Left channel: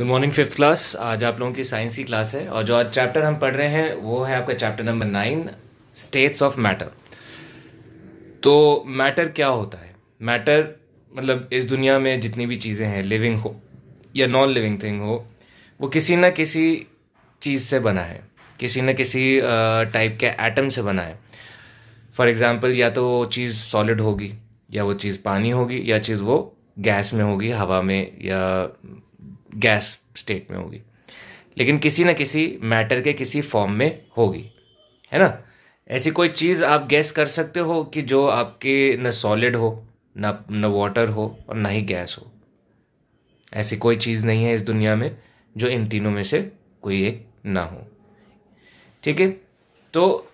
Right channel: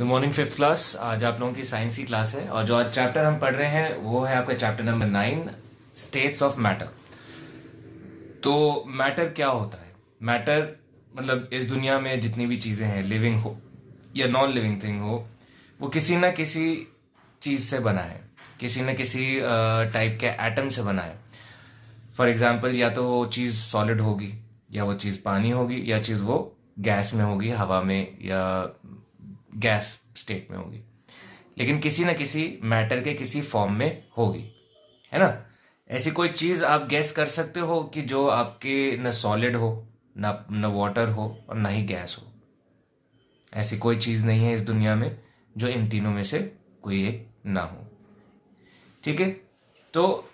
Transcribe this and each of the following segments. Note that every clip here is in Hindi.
Good morning fifth class. आज आप लोगों की साइंस की क्लास है और जो आज चैप्टर हम पढ़ रहे हैं वो है आपका chapter number 9, states of matter. तो मैटर क्या होता है? मैटर मतलब इस दुनिया में जितनी भी चीज़ें हैं, लिविंग हो या नॉन लिविंग थिंग हो, वो किसी न किसी चीज़ से बना है, किसी न किसी टाइप के एटम से बना है। फॉर एग्जाम्पल, या तो वो चीज़ सॉलिड होगी, या वो चीज़ पानी होगी, या चीज़ वो गैस में होगी, हवा में, या गैस स्टेट में होगी, लेकिन किसी न किसी मैटर के किसी फॉर्म में होगी, है ना। ऐसी कोई चीज़ आप गैस कर सकते हो कि जो आपके न सॉलिड हो, न वाटर हो और ना ही गैस हो? ऐसी कोई चीज़ नहीं है इस दुनिया में जो इन तीनों में से कोई एक ना हो। ठीक है, तो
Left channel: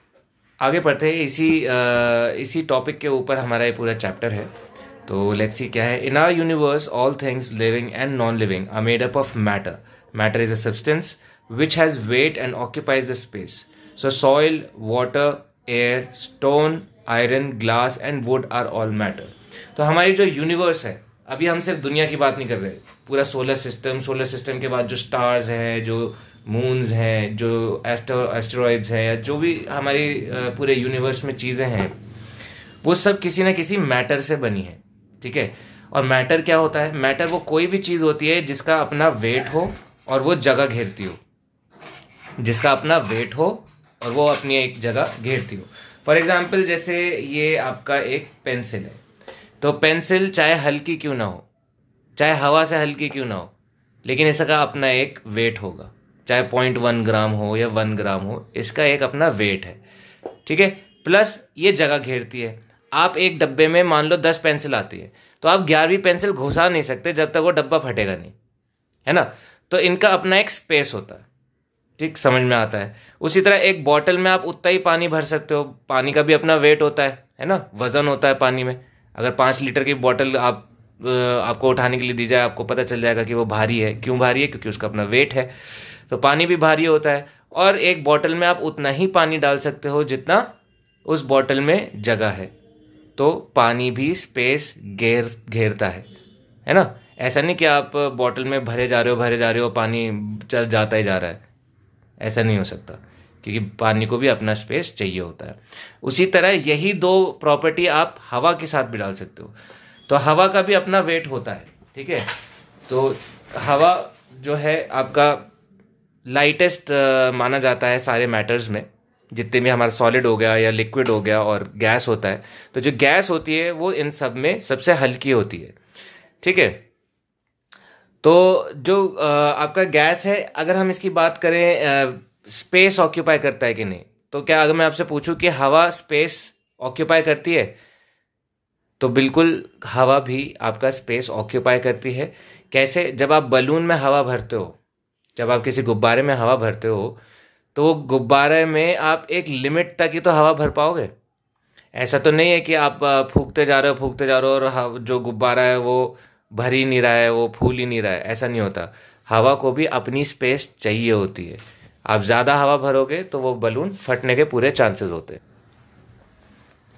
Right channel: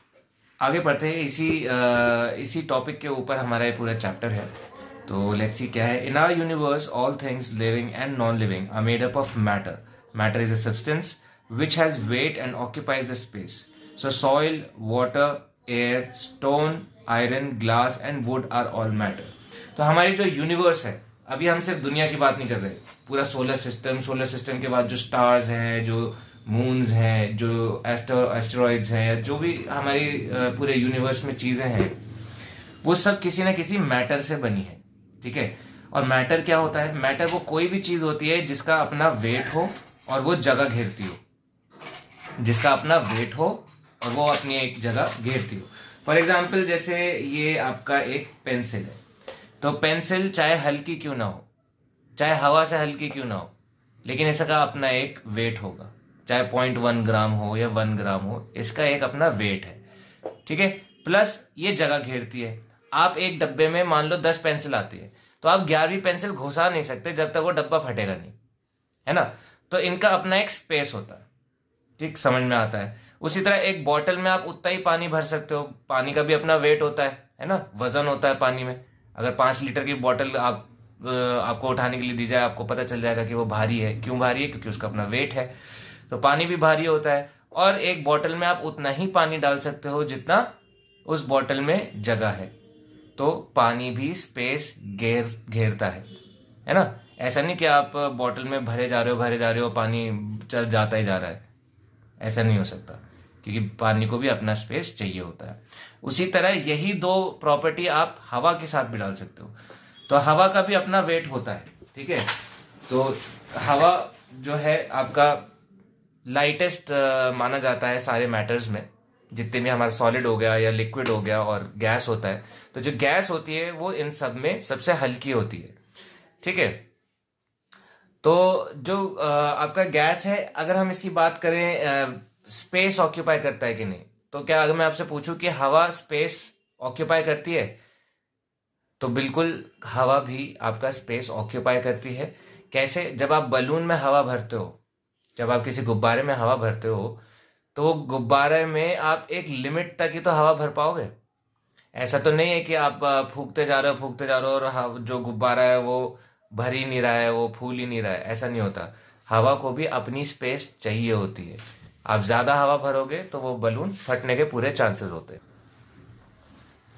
आगे बढ़ते हैं। इसी टॉपिक के ऊपर हमारा ये पूरा चैप्टर है। तो लेट्स सी क्या है। In our universe all things living and non living are made up of matter. Matter is a substance which has weight and occupies the space. So soil, water, air, stone, iron, glass and wood are all matter. तो हमारी जो यूनिवर्स है, अभी हम सिर्फ दुनिया की बात नहीं कर रहे, पूरा सोलर सिस्टम के बाद जो स्टार्स हैं, जो मून्स हैं, जो एस्टेरॉइड्स हैं, या जो भी हमारी पूरे यूनिवर्स में चीज़ें हैं, वो सब किसी ना किसी मैटर से बनी है। ठीक है, और मैटर क्या होता है? मैटर वो कोई भी चीज़ होती है जिसका अपना वेट हो और वो जगह घेरती हो, जिसका अपना वेट हो और वो अपनी एक जगह घेरती हो। फॉर एग्जाम्पल, जैसे ये आपका एक पेंसिल है, तो पेंसिल चाहे हल्की क्यों ना हो, चाहे हवा से हल्की क्यों ना हो, लेकिन इसका अपना एक वेट होगा, चाहे 0.1 ग्राम हो या 1 ग्राम हो, इसका एक अपना वेट है। ठीक है, प्लस ये जगह घेरती है। आप एक डब्बे में मान लो 10 पेंसिल आती है, तो आप 11वीं पेंसिल घुसा नहीं सकते जब तक वो डब्बा फटेगा नहीं, है ना। तो इनका अपना एक स्पेस होता है। ठीक, समझ में आता है। उसी तरह एक बॉटल में आप उतना ही पानी भर सकते हो, पानी का भी अपना वेट होता है ना, वजन होता है पानी में। अगर 5 लीटर की बॉटल आपको उठाने के लिए दी जाए, आपको पता चल जाएगा कि वो भारी है। क्यों भारी है? क्योंकि उसका अपना वेट है। तो पानी भी भारी होता है, और एक बॉटल में आप उतना ही पानी डाल सकते हो जितना उस बॉटल में जगह है। तो पानी भी स्पेस घेरता है ना। ऐसा नहीं कि आप बॉटल में भरे जा रहे हो, पानी चल जाता ही जा रहा है, ऐसा नहीं हो सकता, क्योंकि पानी को भी अपना स्पेस चाहिए होता है। उसी तरह यही दो प्रॉपर्टी आप हवा के साथ भी डाल सकते हो। तो हवा का भी अपना वेट होता है। ठीक है, तो हवा जो है आपका लाइटेस्ट माना जाता है सारे मैटर्स में, जितने भी हमारा सॉलिड हो गया या लिक्विड हो गया और गैस होता है। तो जो गैस होती है वो इन सब में सबसे हल्की होती है। ठीक है, तो जो आपका गैस है, अगर हम इसकी बात करें स्पेस ऑक्यूपाई करता है कि नहीं, तो क्या अगर मैं आपसे पूछूं कि हवा स्पेस ऑक्यूपाई करती है, तो बिल्कुल हवा भी आपका स्पेस ऑक्यूपाई करती है। कैसे? जब आप बलून में हवा भरते हो, जब आप किसी गुब्बारे में हवा भरते हो, तो गुब्बारे में आप एक लिमिट तक ही तो हवा भर पाओगे। ऐसा तो नहीं है कि आप फूंकते जा रहे हो और जो गुब्बारा है वो भर ही नहीं रहा है, वो फूल ही नहीं रहा है। ऐसा नहीं होता। हवा को भी अपनी स्पेस चाहिए होती है। आप ज़्यादा हवा भरोगे तो वो बलून फटने के पूरे चांसेस होते हैं।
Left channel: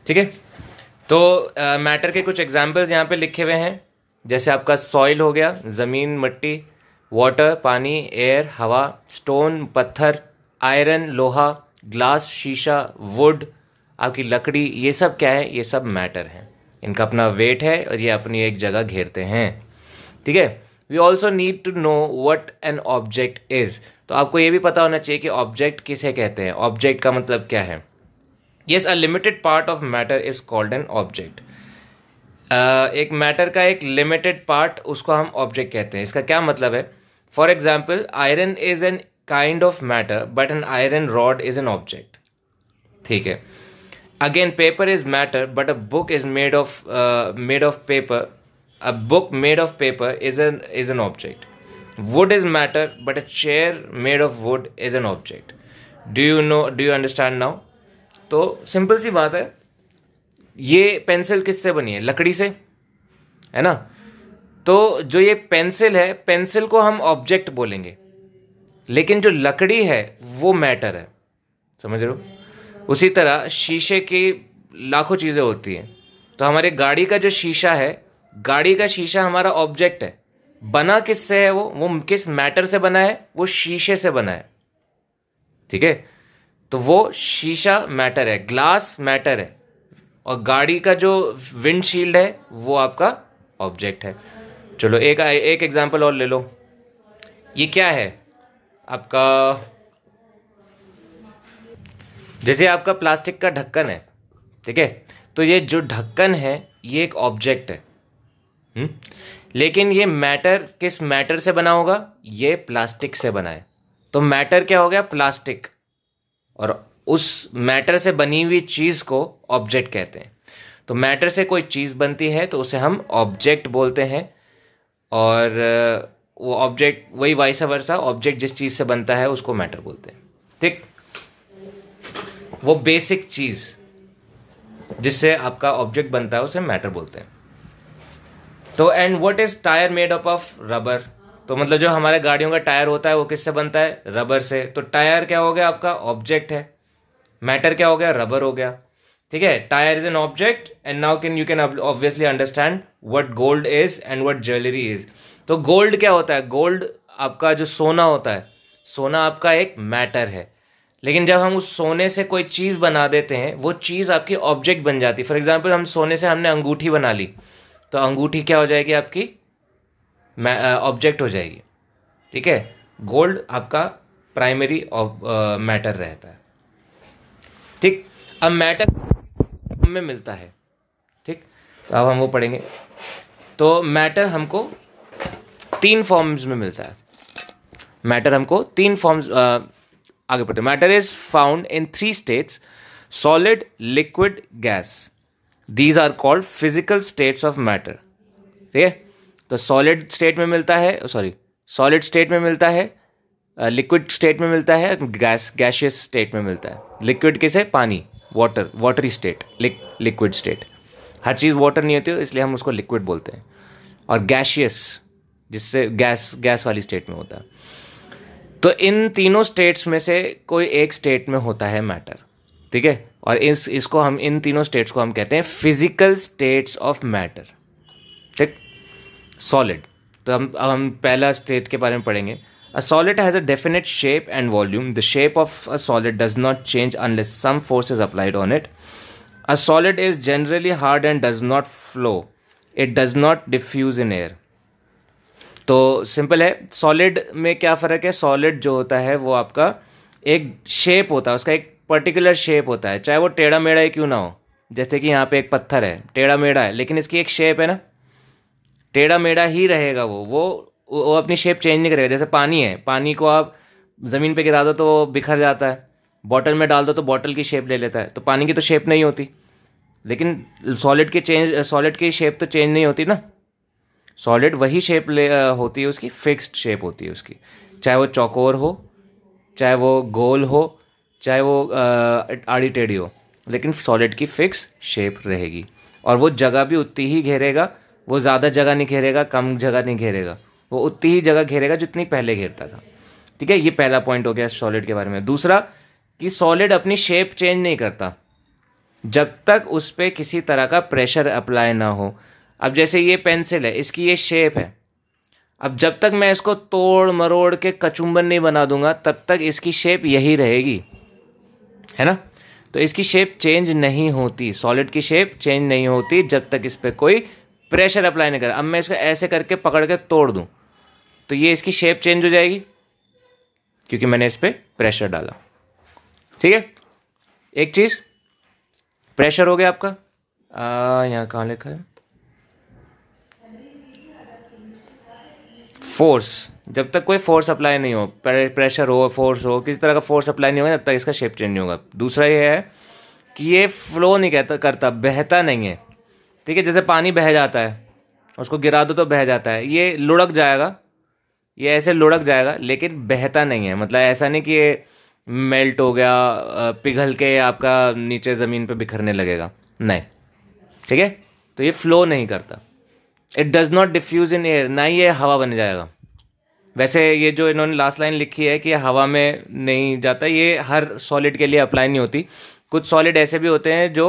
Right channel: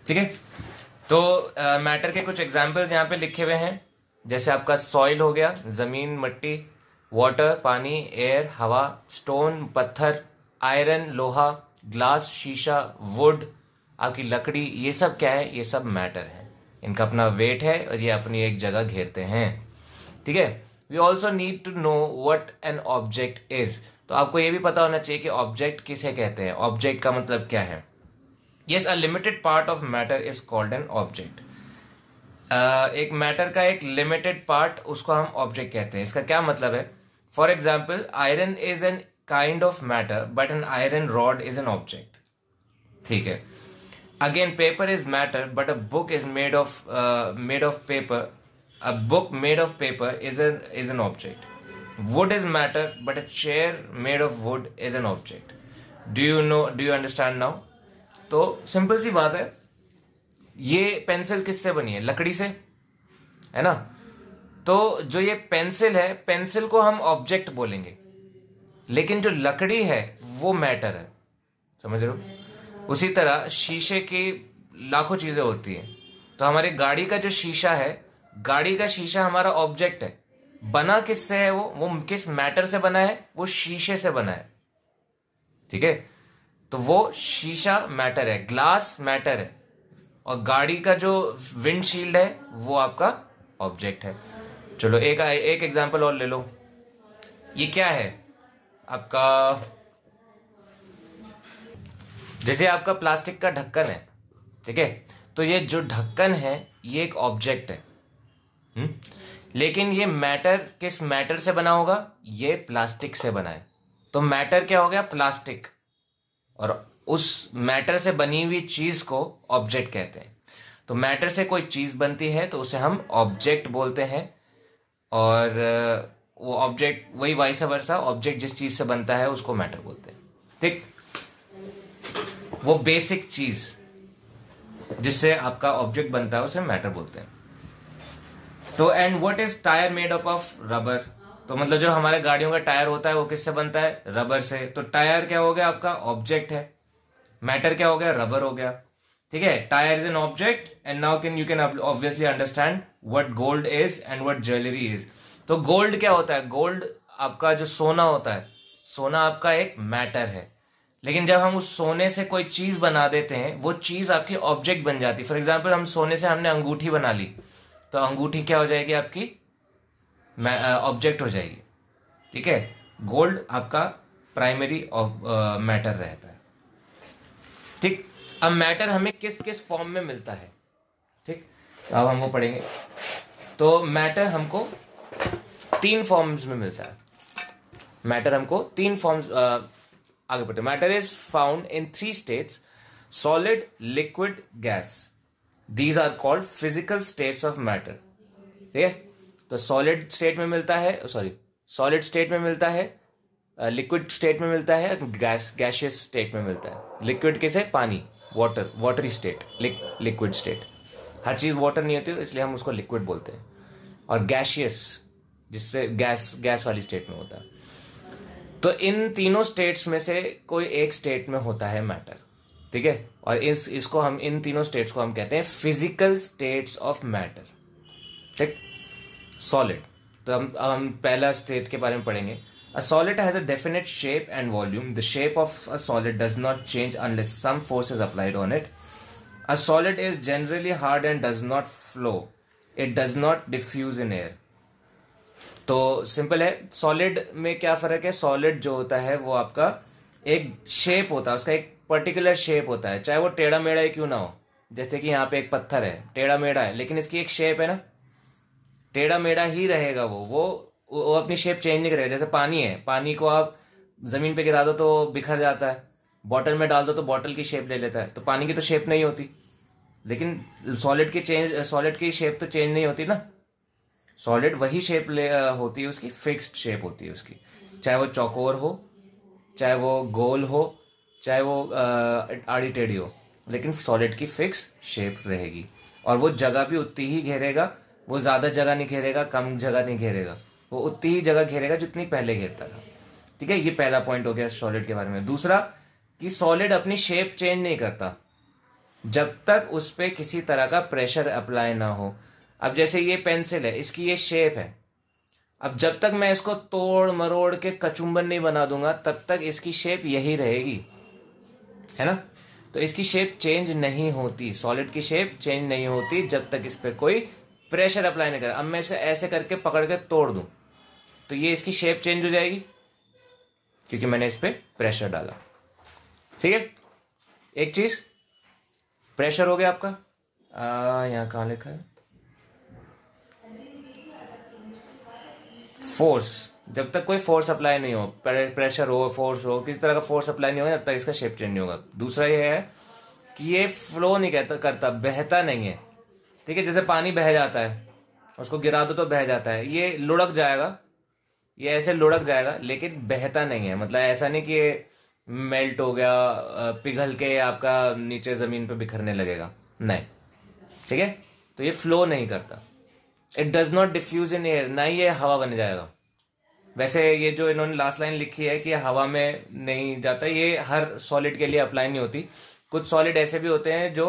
ठीक है, तो मैटर के कुछ एग्जाम्पल्स यहाँ पे लिखे हुए हैं। जैसे आपका सॉइल हो गया, ज़मीन, मिट्टी, वाटर, पानी, एयर, हवा, स्टोन, पत्थर, आयरन, लोहा, ग्लास, शीशा, वुड, आपकी लकड़ी, ये सब क्या है? ये सब मैटर है। इनका अपना वेट है और ये अपनी एक जगह घेरते हैं। ठीक है, we also need to know what an object is. तो आपको ये भी पता होना चाहिए कि ऑब्जेक्ट किसे कहते हैं। ऑब्जेक्ट का मतलब क्या है? Yes, a limited part of matter is called an object. एक मैटर का एक लिमिटेड पार्ट, उसको हम ऑब्जेक्ट कहते हैं। इसका क्या मतलब है? For example, iron is an kind of matter but an iron rod is an object. ठीक है, again paper is matter but a book is made of paper. A book made of paper is an object. Wood is matter but a chair made of wood is an object. Do you understand now? तो सिंपल सी बात है, ये पेंसिल किससे बनी है? लकड़ी से, है ना। तो जो ये पेंसिल है, पेंसिल को हम ऑब्जेक्ट बोलेंगे, लेकिन जो लकड़ी है वो मैटर है। समझ रहे हो? उसी तरह शीशे की लाखों चीज़ें होती हैं। तो हमारे गाड़ी का जो शीशा है, गाड़ी का शीशा हमारा ऑब्जेक्ट है, बना किससे है? वो किस मैटर से बना है? वो शीशे से बना है, ठीक है। तो वो शीशा मैटर है, ग्लास मैटर है, और गाड़ी का जो विंडशील्ड है वो आपका ऑब्जेक्ट है। चलो एक एक एग्जांपल और ले लो। ये क्या है आपका? जैसे आपका प्लास्टिक का ढक्कन है, ठीक है, तो ये जो ढक्कन है ये एक ऑब्जेक्ट है। लेकिन ये मैटर किस मैटर से बना होगा? ये प्लास्टिक से बना है। तो मैटर क्या हो गया? प्लास्टिक। और उस मैटर से बनी हुई चीज को ऑब्जेक्ट कहते हैं। तो मैटर से कोई चीज बनती है तो उसे हम ऑब्जेक्ट बोलते हैं। और वो ऑब्जेक्ट, वही वाइस वर्सा, ऑब्जेक्ट जिस चीज से बनता है उसको मैटर बोलते हैं, ठीक। वो बेसिक चीज जिससे आपका ऑब्जेक्ट बनता है उसे मैटर बोलते हैं। तो and what is tyre made up of? Rubber. तो मतलब जो हमारे गाड़ियों का टायर होता है वो किससे बनता है? रबर से। तो टायर क्या हो गया? आपका ऑब्जेक्ट है। मैटर क्या हो गया? रबर हो गया, ठीक है। Tyre is an object and now you can obviously understand what gold is and what jewellery is. तो गोल्ड क्या होता है? गोल्ड आपका जो सोना होता है, सोना आपका एक मैटर है। लेकिन जब हम उस सोने से कोई चीज बना देते हैं वो चीज आपकी ऑब्जेक्ट बन जाती है। फॉर एग्जाम्पल हम सोने से हमने अंगूठी बना ली, तो अंगूठी क्या हो जाएगी? आपकी ऑब्जेक्ट हो जाएगी, ठीक है। गोल्ड आपका प्राइमरी मैटर रहता है, ठीक। अब मैटर हमें किस किस फॉर्म में मिलता है, ठीक, तो अब हम वो पढ़ेंगे। तो मैटर हमको 3 फॉर्म्स में मिलता है। मैटर हमको 3 फॉर्म्स, आगे पढ़ते। Matter is found in 3 states: solid, liquid, gas. These are called physical states of matter, ठीक है। तो सॉलिड स्टेट में मिलता है, सॉलिड स्टेट में मिलता है, लिक्विड स्टेट में मिलता है, गैशियस स्टेट में मिलता है। लिक्विड किसे? पानी, water, watery state, liquid state. हर चीज़ वाटर नहीं होती इसलिए हम उसको लिक्विड बोलते हैं। और गैशियस, जिससे गैस वाली स्टेट में होता है। तो इन तीनों स्टेट्स में से कोई एक स्टेट में होता है मैटर, ठीक है। और इसको हम, इन तीनों स्टेट्स को हम कहते हैं फिजिकल स्टेट्स ऑफ मैटर, ठीक। सॉलिड, तो अब हम पहला स्टेट के बारे में पढ़ेंगे। A solid has a definite shape and volume. The shape of a solid does not change unless some force is applied on it. A solid is generally hard and does not flow. It does not diffuse in air. तो सिंपल है, सॉलिड में क्या फ़र्क है? सॉलिड जो होता है वो आपका एक शेप होता है, उसका एक पर्टिकुलर शेप होता है, चाहे वो टेढ़ा मेढ़ा ही क्यों ना हो। जैसे कि यहाँ पे एक पत्थर है, टेढ़ा मेढ़ा है, लेकिन इसकी एक शेप है ना, टेढ़ा मेढ़ा ही रहेगा वो अपनी शेप चेंज नहीं करेगा। जैसे पानी है, पानी को आप ज़मीन पे गिरा दो तो वो बिखर जाता है, बॉटल में डाल दो तो बॉटल की शेप ले लेता है। तो पानी की तो शेप नहीं होती, लेकिन सॉलिड की शेप तो चेंज नहीं होती ना। सॉलिड वही शेप होती है उसकी, फिक्स्ड शेप होती है उसकी, चाहे वो चौकोर हो, चाहे वो गोल हो, चाहे वो आड़ी टेढ़ी हो, लेकिन सॉलिड की फिक्स शेप रहेगी। और वो जगह भी उतनी ही घेरेगा, वो ज़्यादा जगह नहीं घेरेगा, कम जगह नहीं घेरेगा, वो उतनी ही जगह घेरेगा जितनी पहले घेरता था, ठीक है। ये पहला पॉइंट हो गया सॉलिड के बारे में। दूसरा कि सॉलिड अपनी शेप चेंज नहीं करता जब तक उस पर किसी तरह का प्रेशर अप्लाई ना हो। अब जैसे ये पेंसिल है, इसकी ये शेप है, अब जब तक मैं इसको तोड़ मरोड़ के कचुम्बन नहीं बना दूंगा तब तक इसकी शेप यही रहेगी, है ना। तो इसकी शेप चेंज नहीं होती, सॉलिड की शेप चेंज नहीं होती जब तक इस पर कोई प्रेशर अप्लाई नहीं करा। अब मैं इसको ऐसे करके पकड़ के तोड़ दूं तो ये इसकी शेप चेंज हो जाएगी क्योंकि मैंने इस पर प्रेशर डाला, ठीक है। एक चीज प्रेशर हो गया आपका, यहाँ कहाँ लिखा है? फोर्स। जब तक कोई फोर्स अप्लाई नहीं हो, प्रेशर हो, फोर्स हो, किसी तरह का फोर्स अप्लाई नहीं होगा तब तक इसका शेप चेंज नहीं होगा। दूसरा ये है कि ये फ्लो नहीं करता, बहता नहीं है, ठीक है। जैसे पानी बह जाता है, उसको गिरा दो तो बह जाता है, ये लुढ़क जाएगा, ये ऐसे लुढ़क जाएगा, लेकिन बहता नहीं है। मतलब ऐसा नहीं कि ये मेल्ट हो गया, पिघल के आपका नीचे ज़मीन पे बिखरने लगेगा, नहीं, ठीक है। तो ये फ्लो नहीं करता। It does not diffuse in air, ना ही ये हवा बन जाएगा। वैसे ये जो इन्होंने लास्ट लाइन लिखी है कि हवा में नहीं जाता, ये हर सॉलिड के लिए अप्लाई नहीं होती। कुछ सॉलिड ऐसे भी होते हैं जो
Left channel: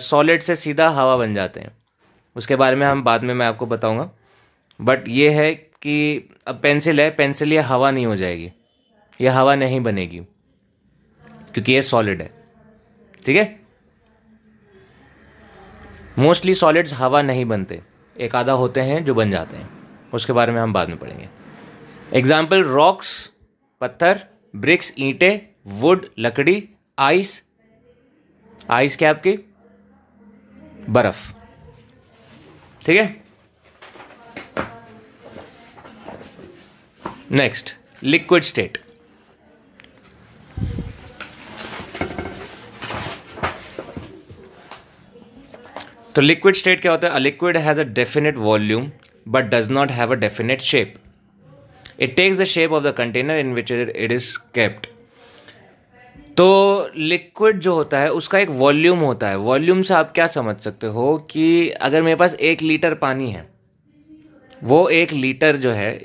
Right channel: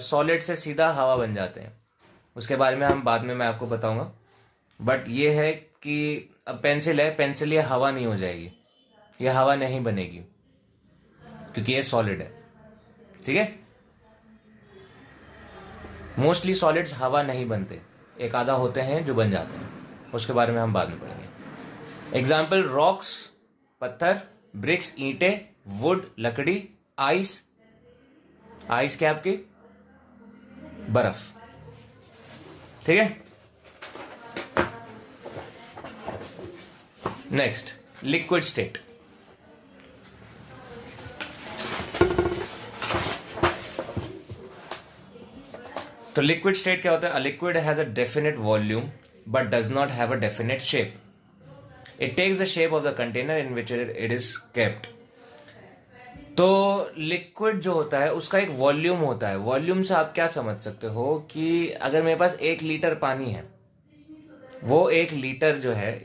सॉलिड से सीधा हवा बन जाते हैं, उसके बारे में हम बाद में मैं आपको बताऊंगा। बट ये है कि अब पेंसिल है, पेंसिल ये हवा नहीं हो जाएगी, ये हवा नहीं बनेगी क्योंकि ये सॉलिड है। ठीक है, मोस्टली सॉलिड्स हवा नहीं बनते, एक आधा होते हैं जो बन जाते हैं, उसके बारे में हम बाद में पढ़ेंगे। एग्जाम्पल रॉक्स पत्थर, ब्रिक्स ईंटें, वुड लकड़ी, आइस, आइस क्या आपकी बर्फ। ठीक है, नेक्स्ट लिक्विड स्टेट। तो लिक्विड स्टेट क्या होता है? A liquid has a definite volume but does not have a definite shape. It takes the shape of the container in which it is kept. तो लिक्विड जो होता है उसका एक वॉल्यूम होता है। वॉल्यूम से आप क्या समझ सकते हो कि अगर मेरे पास 1 लीटर पानी है, वो 1 लीटर जो है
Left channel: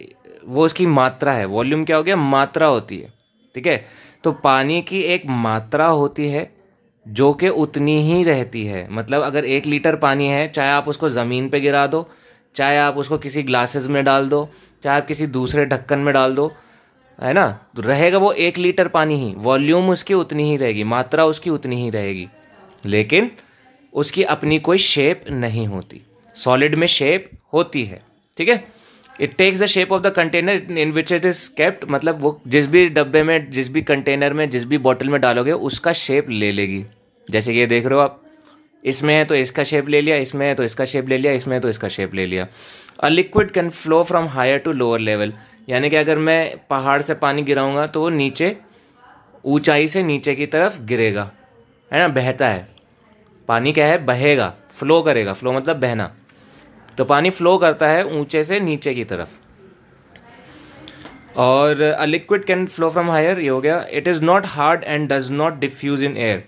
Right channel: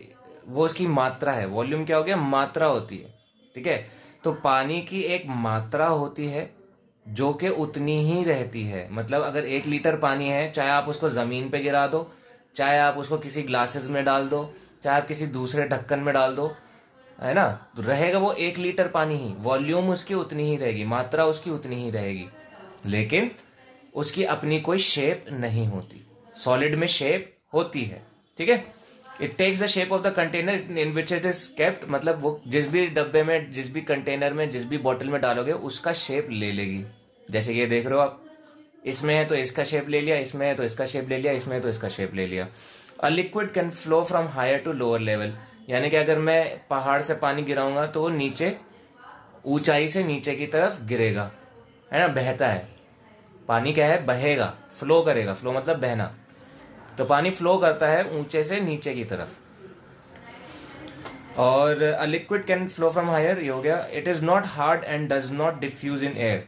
वो उसकी मात्रा है। वॉल्यूम क्या हो गया? मात्रा होती है। ठीक है, तो पानी की एक मात्रा होती है जो कि उतनी ही रहती है। मतलब अगर 1 लीटर पानी है, चाहे आप उसको ज़मीन पे गिरा दो, चाहे आप उसको किसी ग्लासेस में डाल दो, चाहे आप किसी दूसरे ढक्कन में डाल दो, है ना, तो रहेगा वो 1 लीटर पानी ही। वॉल्यूम उसकी उतनी ही रहेगी, मात्रा उसकी उतनी ही रहेगी, लेकिन उसकी अपनी कोई शेप नहीं होती। सॉलिड में शेप होती है। ठीक है, it takes the shape of the container in which it is kept. मतलब वो जिस भी डब्बे में, जिस भी कंटेनर में, जिस भी बॉटल में डालोगे उसका शेप ले लेगी। जैसे ये देख रहे हो आप, इसमें है तो इसका शेप ले लिया, इसमें है तो इसका शेप ले लिया, इसमें है तो इसका शेप ले लिया। A liquid can flow from higher to lower level. यानी कि अगर मैं पहाड़ से पानी गिराऊंगा तो वो नीचे, ऊंचाई से नीचे की तरफ गिरेगा, है ना, बहता है। पानी क्या है? बहेगा, फ्लो करेगा। फ्लो मतलब बहना। तो पानी फ्लो करता है ऊंचे से नीचे की तरफ। और a liquid can flow from higher, ये हो गया। It is not hard and does not diffuse in air.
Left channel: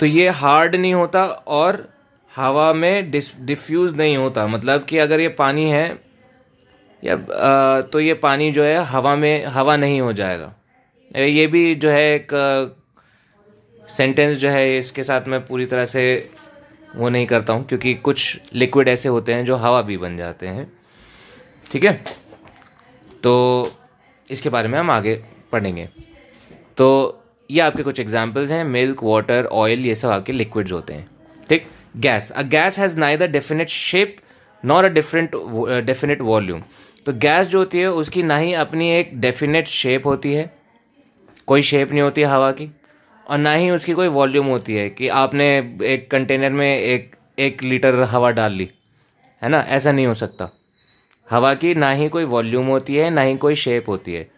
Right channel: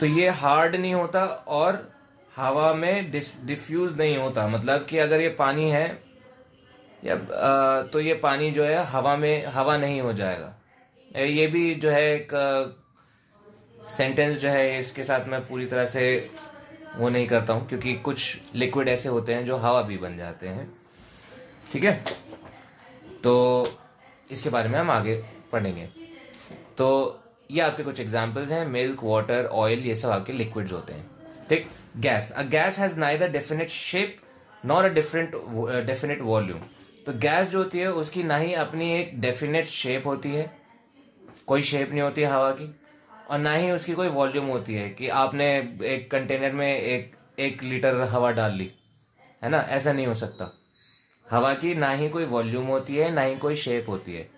तो ये हार्ड नहीं होता और हवा में डिफ्यूज नहीं होता। मतलब कि अगर ये पानी है या तो ये पानी जो है हवा में, हवा नहीं हो जाएगा। ये भी जो है एक सेंटेंस जो है, इसके साथ मैं पूरी तरह से वो नहीं करता हूँ, क्योंकि कुछ लिक्विड ऐसे होते हैं जो हवा भी बन जाते हैं। ठीक है, तो इसके बारे में हम आगे पढ़ेंगे। तो ये आपके कुछ एग्जांपल्स हैं, मिल्क, वाटर, ऑयल, ये सब आपके लिक्विड्स होते हैं। ठीक, gas. A gas has neither definite shape nor a definite volume. तो गैस जो होती है उसकी ना ही अपनी एक डेफिनेट शेप होती है, कोई शेप नहीं होती है हवा की, और ना ही उसकी कोई वॉल्यूम होती है कि आपने एक कंटेनर में एक लीटर हवा डाल ली, है ना, ऐसा नहीं हो सकता। हवा की ना ही कोई वॉल्यूम होती है, ना ही कोई शेप होती है,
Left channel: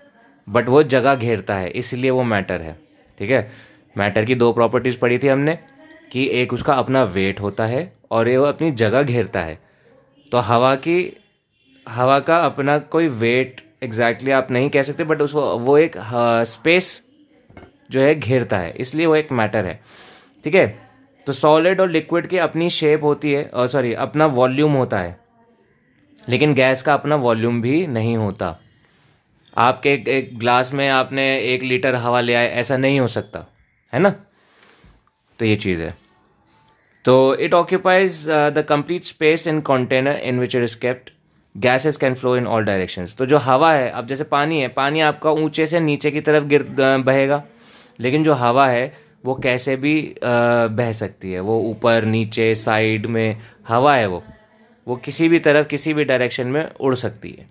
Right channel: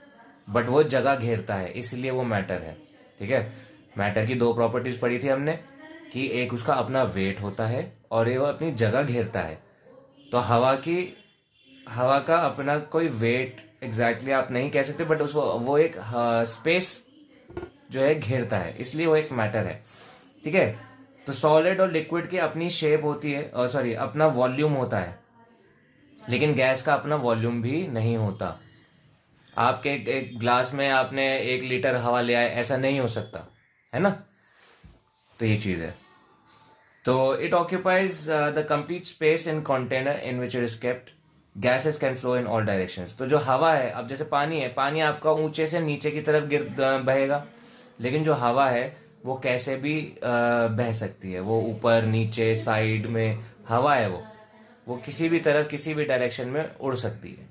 बट वो जगह घेरता है, इसलिए वो मैटर है। ठीक है, मैटर की 2 प्रॉपर्टीज़ पढ़ी थी हमने कि एक उसका अपना वेट होता है और ये वो अपनी जगह घेरता है। तो हवा का अपना कोई वेट एग्जैक्टली आप नहीं कह सकते, बट उसको वो एक स्पेस जो है घेरता है, इसलिए वो एक मैटर है। ठीक है, तो सॉलिड और लिक्विड की अपनी शेप होती है, सॉरी अपना वॉल्यूम होता है, लेकिन गैस का अपना वॉल्यूम भी नहीं होता। आपके एक ग्लास में आपने 1 लीटर हवा ले आए, ऐसा नहीं हो सकता, है ना। तो ये चीज़ है। तो it occupies the complete space in container in which it is kept. Gases can flow in all directions. तो जो हवा है, अब जैसे पानी है, पानी आपका ऊंचे से नीचे की तरफ बहेगा, लेकिन जो हवा है वो कैसे भी बह सकती है, वो ऊपर नीचे साइड में हवा है, वो किसी भी तरफ किसी भी डायरेक्शन में उड़ सकती है।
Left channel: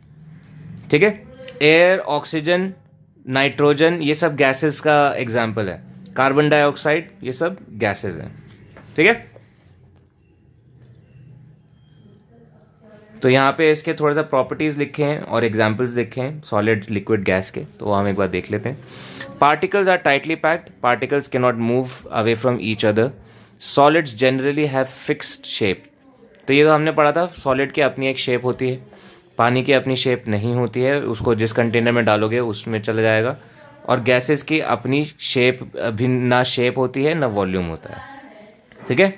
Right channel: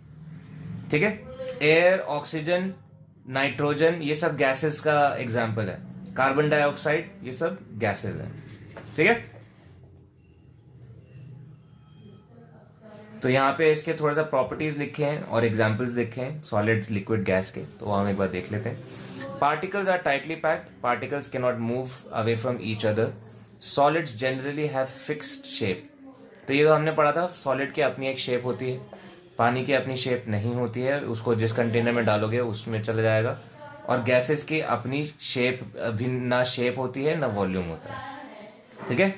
ठीक है, एयर, ऑक्सीजन, नाइट्रोजन, ये सब गैसेस का एग्जाम्पल है। कार्बन डाइऑक्साइड, ये सब गैसेस हैं। ठीक है, तो यहाँ पे इसके थोड़ा सा प्रॉपर्टीज लिखे हैं और एग्जाम्पल्स लिखे हैं सॉलिड, लिक्विड, गैस के, तो हम एक बार देख लेते हैं। Particles are tightly packed. Particles can not move away from each other. Solids generally have fixed shape. तो ये तो हमने पढ़ा था, सॉलिड की अपनी एक शेप होती है, पानी की अपनी शेप नहीं होती है, उसको जिस कंटेनर में डालोगे उसमें चला जाएगा। और गैसेस की अपनी शेप भी, ना शेप होती है ना वॉल्यूम होता है। ठीक है,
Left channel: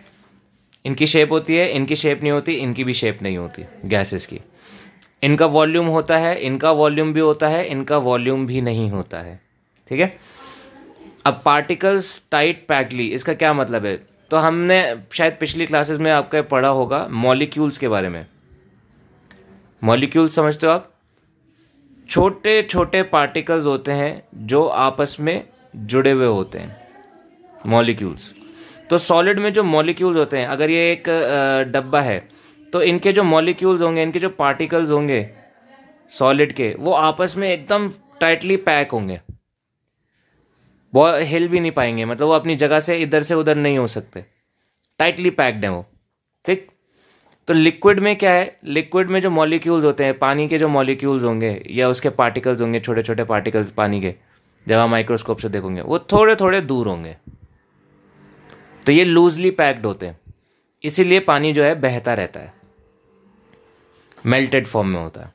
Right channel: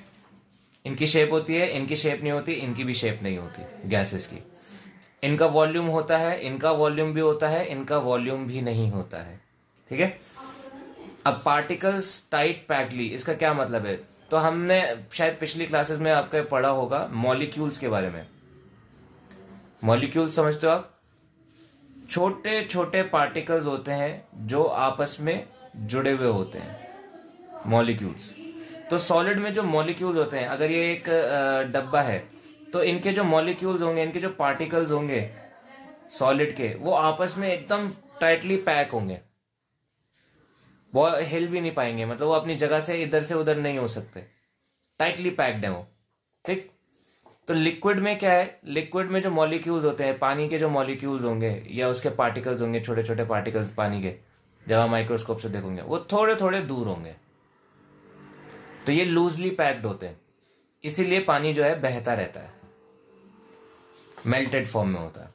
इनकी शेप होती है, इनकी शेप नहीं होती, इनकी भी शेप नहीं होती गैसेस की। इनका वॉल्यूम होता है, इनका वॉल्यूम भी होता है, इनका वॉल्यूम भी नहीं होता है। ठीक है, अब पार्टिकल्स टाइट पैक्डली, इसका क्या मतलब है? तो हमने शायद पिछली क्लासेस में आपका पढ़ा होगा मॉलिक्यूल्स के बारे में। मॉलिक्यूल्स समझते हो आप? छोटे छोटे पार्टिकल्स होते हैं जो आपस में जुड़े हुए होते हैं, मॉलिक्यूल्स। तो सॉलिड में जो मॉलिक्यूल्स होते हैं, अगर ये एक डब्बा है तो इनके जो मॉलिक्यूल्स होंगे, इनके जो पार्टिकल्स होंगे सॉलिड के, वो आपस में एकदम टाइटली पैक होंगे, वो हिल भी नहीं पाएंगे, मतलब वो अपनी जगह से इधर से उधर नहीं हो सकते, टाइटली पैक्ड है वो। ठीक। तो लिक्विड में क्या है, लिक्विड में जो मॉलिक्यूल्स होते हैं, पानी के जो मॉलिक्यूल्स होंगे या उसके पार्टिकल्स होंगे, छोटे छोटे पार्टिकल्स पानी के, जब आप माइक्रोस्कोप से देखोगे वो थोड़े थोड़े दूर होंगे, तो ये लूजली पैक्ड होते हैं, इसीलिए पानी जो है बहता रहता है, मेल्टेड फॉर्म में होता है।